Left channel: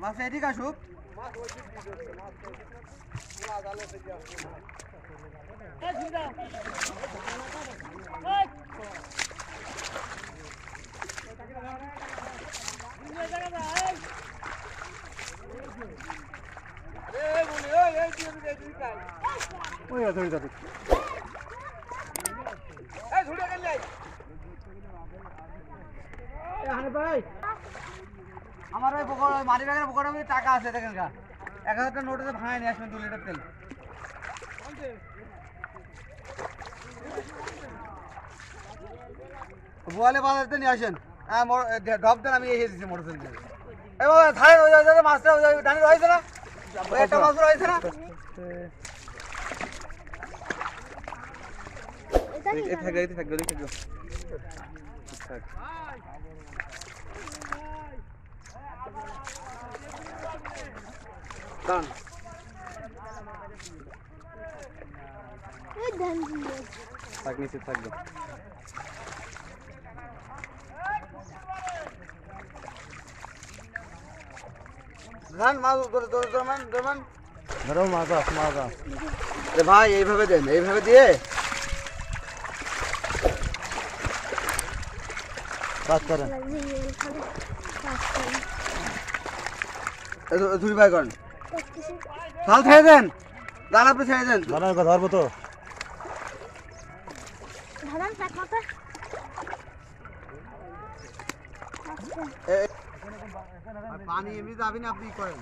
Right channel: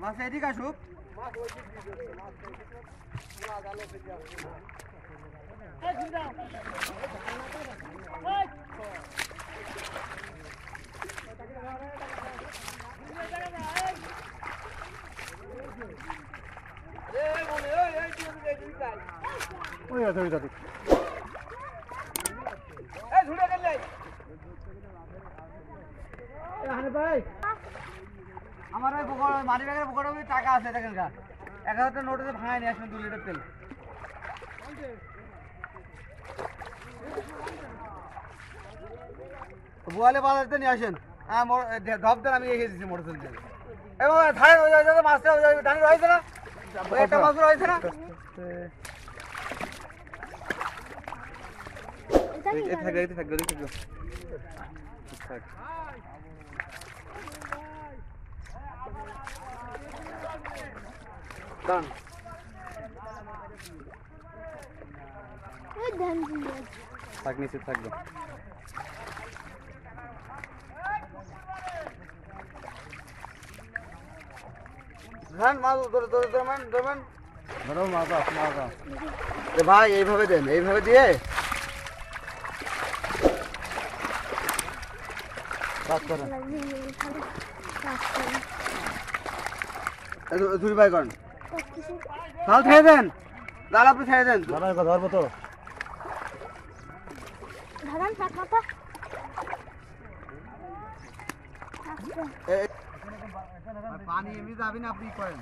মাছ এদিক আসুক। আমার ওই মারি ব্যাগের পকেটে টাকা আছে দেখেন গা 1000 নোট আছে ভাঙায় নিয়ে আসবেন 2 লিটার তেল। বোয়ালে বাজারতে নিয়ে আসেন। হ্যাঁ ঢপ দেন আমি এসে দিচ্ছি মোটরসাইকেল দিয়ে। এই বাবা ধারে ওই মাছটা ওই ডানি রয়েছে না ওই একটা মাছ রয়েছে না থাকবে থাকবে ভাই এইভাবে দেন, এইভাবে দিয়ে ধুরি ভাই করেন খাল ছেড়ে দেন, জাল আপনি ছেড়ে দেন। ধরবো তো পানি এমনি যাবি না, আপনি করেন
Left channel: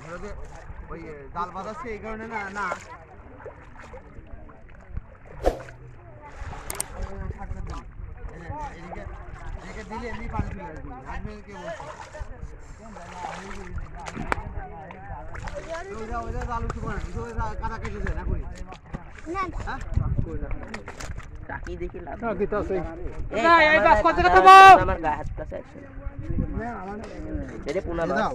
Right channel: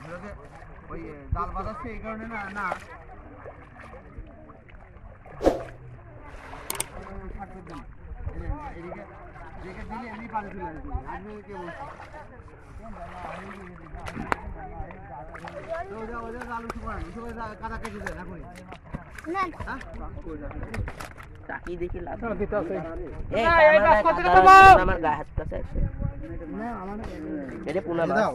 ওই জাল বাঁধাচ্ছে এই কারণে না না এদিকে দিলে এমনি পানি চলে আসবে। আমি কে বলছি কাটা কেটে দেন এখনই চাকি দেখি লাভ এই গাছ কত টাকা পাবো আমার গায়ে হাত কাছে আছে না আমার এটা পুনা দাও